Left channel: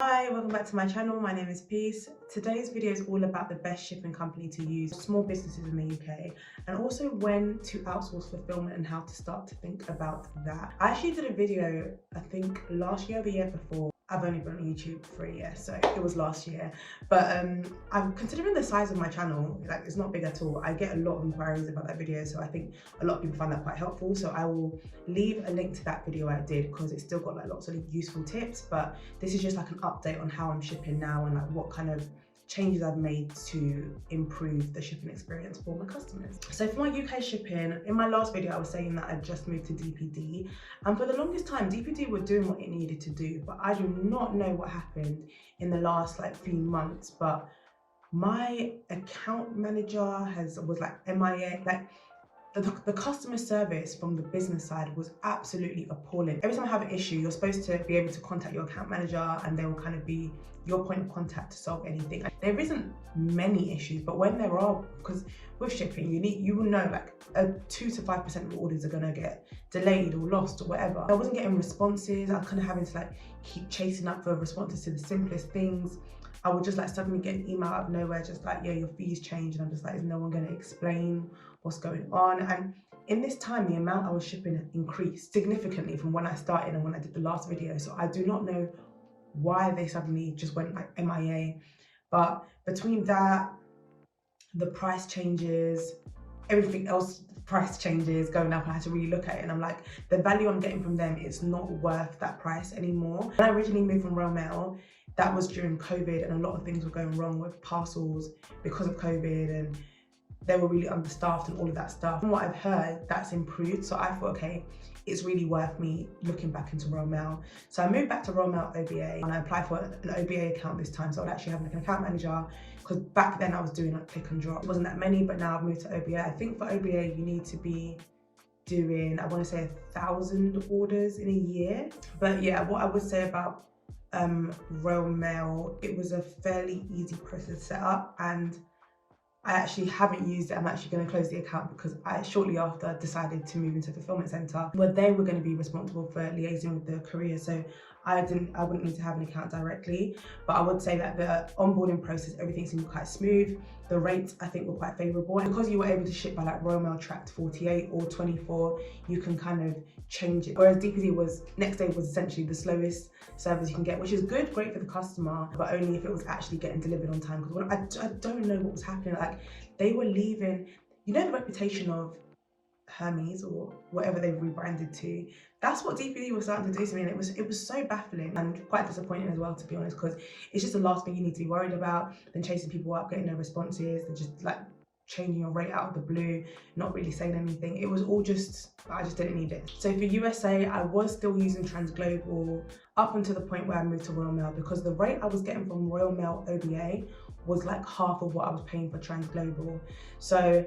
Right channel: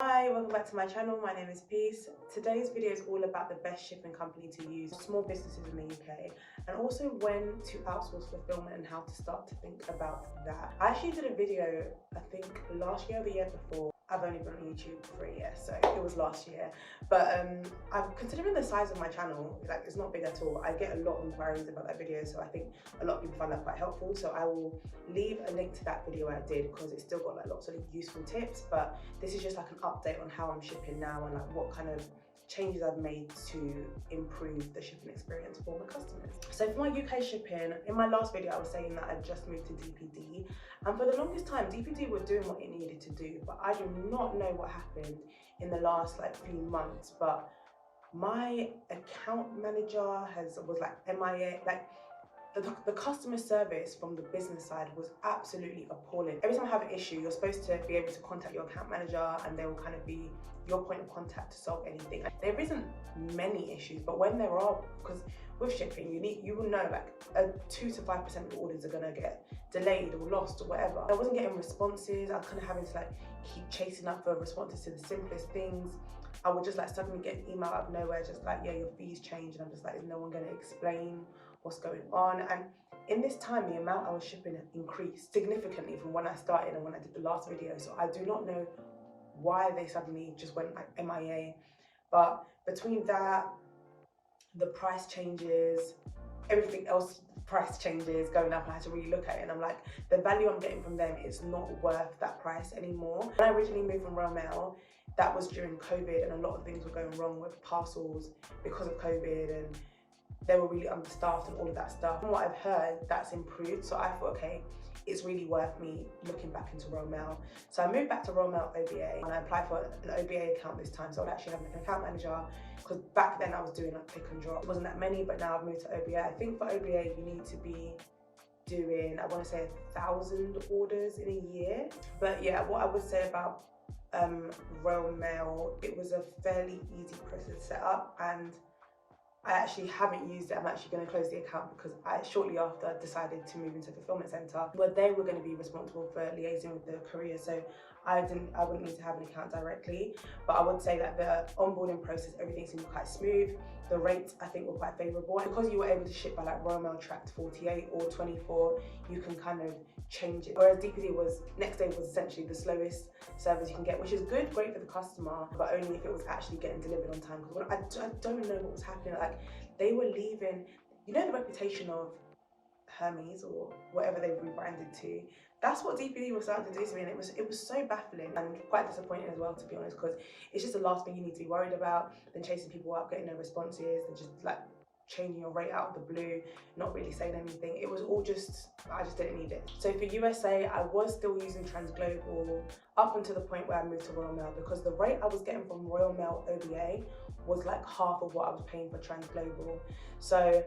Hi, welcome back to my channel. My name is Peace. Today's video is all about the best shipping company to use for small businesses in the UK, and also when to outsource fulfillment and how to start to think about that. I actually did a video, I think last year or the year before. I've only been on YouTube for a year, so it was last year. But I'm considering the size of my channel, like it's not big at all. I get a lot of inquiries about that video, so I think a lot of people find that quite helpful. So I will leave a link to that video I did because it's still got like lots of useful tips. But this is just like an update on how I'm shipping now and like what kind of changes I've made to improve the shipping experience for my customers. So for my UK shipping, in my last video I was saying that I just moved to DPD, and for the longest time DPD were doing what it needed to do, but I do not know what happened in the last like few months. But my account manager was like MIA, like the customer service from the business side was absolutely appalling. Every time I have an issue, you're supposed to be able to contact your account manager and they will kind of be your point of contact to solve anything. There isn't many issues, but when there are, because with shipping, you will know like 2 to 5% of orders are gonna get delayed or lost or whatever. I wasn't getting responses. I was kind of having to like keep chasing up for responses to the simplest things. I would just like suddenly get an email out of nowhere, just like, yeah, your fees changed. And I'm just like, is no one going to explain what's going on? And in this time, the amount I was shipping increased significantly from when I started and when I did the last video. So I do not know why they suddenly just went like MIA. But between that, the price changes, everything else, price changes going up, I had to really look at it, and I'm like, the value I'm getting from them is not worth that price anymore. When I originally moved from Royal Mail, that was during COVID, and a lot of things were going wrong with parcels because of COVID, and they were really understaffed and all of that stuff. From what I've heard, that's improved. So I thought, okay, it's really worth me looking back into Royal Mail. So I moved back to Royal Mail OBA, and I applied for an OBA account this time. So I'd actually have like an account manager, because back then I was doing like click and drop. It wasn't that many, but now I've moved to OBA. I think for OBA, you need to be doing, I want to say 1,000 orders in a year. But yeah, what I would say about Royal Mail, it was a fairly easy process to set up, and I actually haven't used it. I'm actually going to close the account because I shortly after decided to move into Fulfilment Centre, where they were going to be responsible for liaising with the courier. So I wouldn't need to have an account directly. But I would say that the onboarding process, everything seemed quite smooth. The rates I think were quite favourable, and because you were able to ship by like Royal Mail tracked 48 or 24, you can kind of change it. Whereas DPD was next day was essentially the slowest service you can get, which is good, great for the customer, but only if it was actually getting delivered on time. Because I don't know what was happening. Like they were leaving, you know, the reputation of Hermes or whatever they've rebranded to. That's what DPD was starting to do to me, and it was so baffling and quite disappointing as well, to be honest, because it's just the last thing you need to be worried about. Then chasing people up, getting no responses, and just like changing your rate out of the blue, not really saying anything. It was all just, I just didn't need it. So for USA, I was still using Transglobal up until the point where I moved to Royal Mail, because the rate I was getting from Royal Mail OBA was like half of what I was paying for Transglobal. So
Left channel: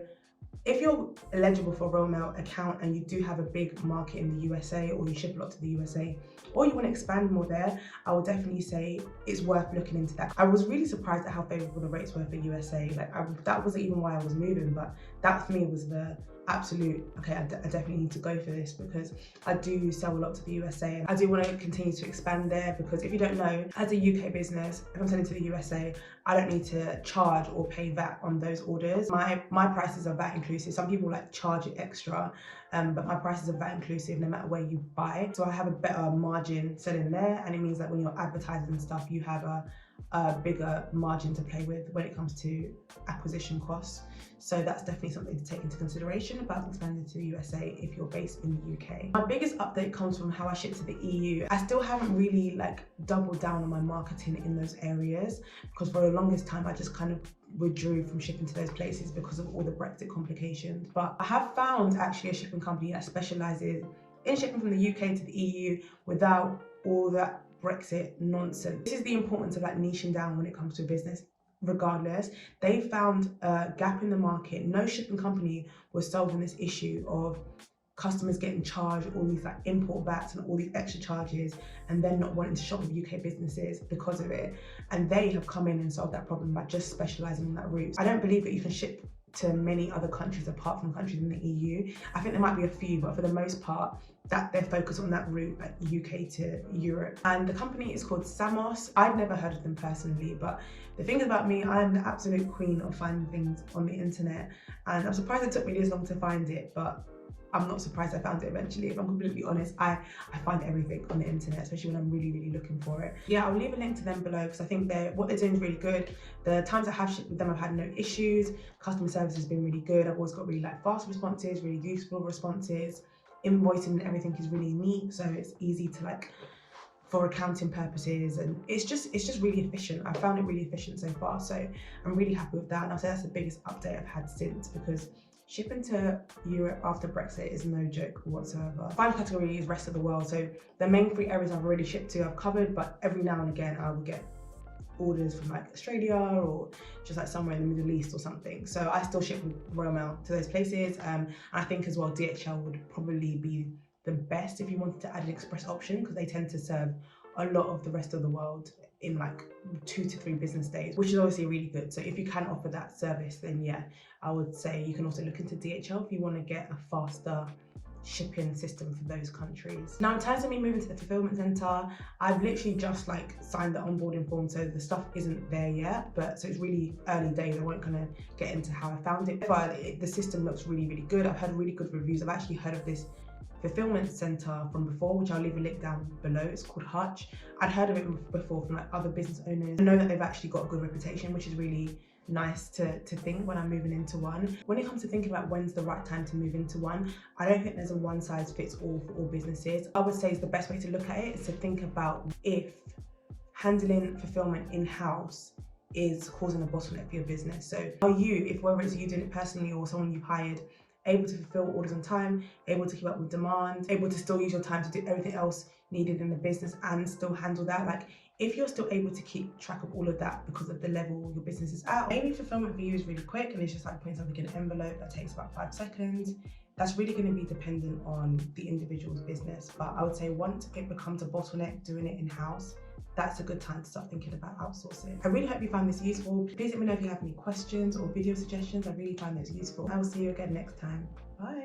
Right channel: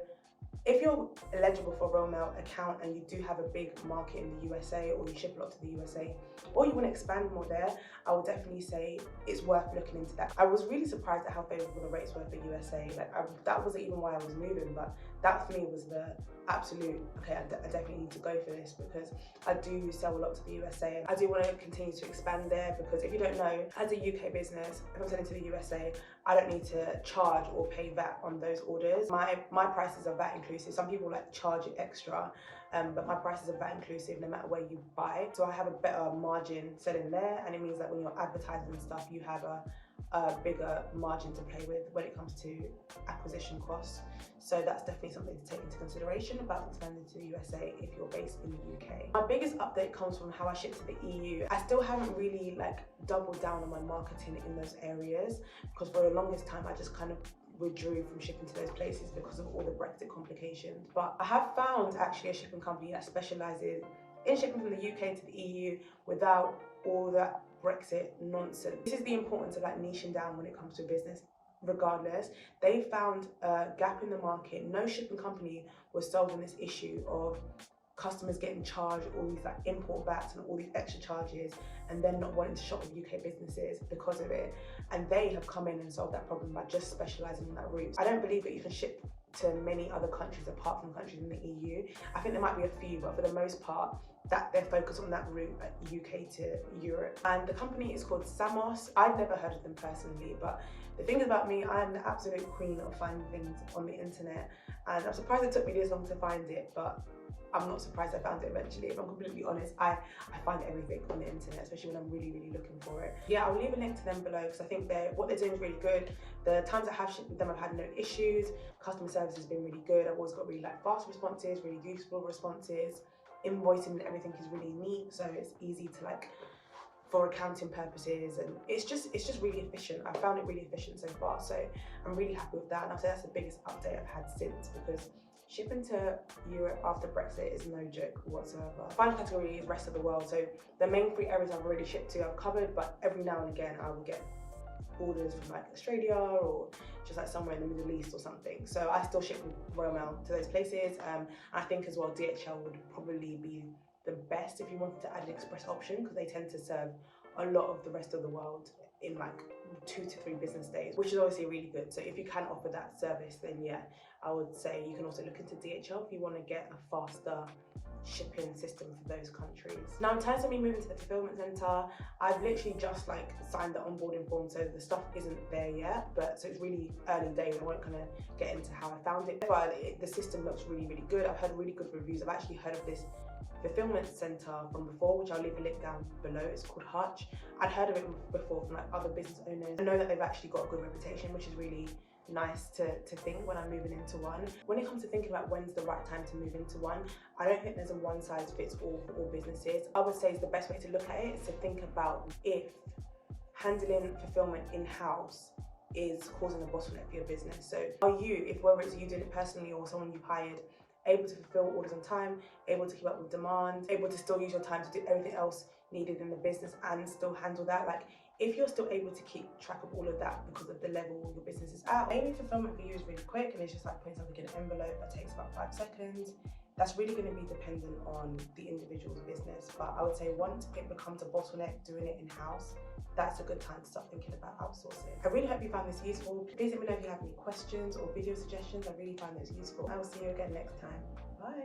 if you're eligible for a Royal Mail account and you do have a big market in the USA, or you ship a lot to the USA, or you want to expand more there, I would definitely say it's worth looking into that. I was really surprised at how favourable the rates were for USA. Like that wasn't even why I was moving, but that for me was the absolute, okay, I definitely need to go for this, because I do sell a lot to the USA and I do want to continue to expand there. Because if you don't know, as a UK business, if I'm selling to the USA, I don't need to charge or pay VAT on those orders. My prices are VAT inclusive. Some people like charge it extra, but my prices are VAT inclusive no matter where you buy. So I have a better margin selling there, and it means that when you're advertising and stuff, you have a bigger margin to play with when it comes to acquisition costs. So that's definitely something to take into consideration about expanding to the USA if you're based in the UK. My biggest update comes from how I ship to the EU. I still haven't really like doubled down on my marketing in those areas, because for the longest time I just kind of withdrew from shipping to those places because of all the Brexit complications. But I have found actually a shipping company that specialises in shipping from the UK to the EU without all that Brexit nonsense. This is the importance of like niching down when it comes to business. Regardless, they found a gap in the market. No shipping company was solving this issue of customers getting charged all these like import VATs and all these extra charges, and then not wanting to shop with UK businesses because of it. And they have come in and solved that problem by just specialising in that route. I don't believe that you can ship to many other countries apart from countries in the EU. I think there might be a few, but for the most part, that they're focused on that route, like UK to Europe. And the company is called Samos. I've never heard of them personally, but the thing about me, I am the absolute queen of finding things on the internet, and I'm surprised it took me this long to find it, but I'm not surprised I found it eventually. If I'm completely honest, I find everything on the internet, especially when I'm really looking for it. Yeah, I'll leave a link to them below because I think what they're doing is really good. The times I have shipped with them, I've had no issues. Customer service has been really good. I've always got really like fast responses, really useful responses. Invoicing and everything is really neat, so it's easy to like for accounting purposes, and it's just really efficient. I found it really efficient so far, so I'm really happy with that. And I'll say that's the biggest update I've had since, because shipping to Europe after Brexit is no joke whatsoever. Final category is rest of the world. So the main 3 areas I've already shipped to, I've covered, but every now and again I will get orders from like Australia or just like somewhere in the Middle East or something. So I still ship with Royal Mail to those places. And I think as well DHL would probably be the best if you wanted to add an express option, because they tend to serve a lot of the rest of the world in like 2 to 3 business days, which is obviously really good. So if you can offer that service, then yeah, I would say you can also look into DHL if you want to get a faster shipping system for those countries. Now in terms of me moving to the fulfillment center, I've literally just like signed the onboarding form, so the stuff isn't there yet, but so it's really early days. I won't kind of get into how I found it, but the system looks really good. I've heard really good reviews. I've actually heard of this fulfillment center from before, which I'll leave a link down below. It's called Hutch. I'd heard of it before from like other business owners. I know that they've actually got a good reputation, which is really nice to think when I'm moving into one. When it comes to thinking about when's the right time to move into one, I don't think there's a one size fits all for all businesses. I would say the best way to look at it is to think about if handling fulfillment in-house is causing a bottleneck for your business. So are you, if whether it's you doing it personally or someone you've hired, able to fulfill orders on time, able to keep up with demand, able to still use your time to do everything else needed in the business and still handle that? Like, if you're still able to keep track of all of that because of the level your business is at, maybe fulfillment for you is really quick and it's just like putting something in an envelope that takes about 5 seconds. That's really going to be dependent on the individual's business. But I would say once it becomes a bottleneck doing it in-house, that's a good time to start thinking about outsourcing. I really hope you found this useful. Please let me know if you have any questions or video suggestions. I really find those useful. I will see you again next time. Bye.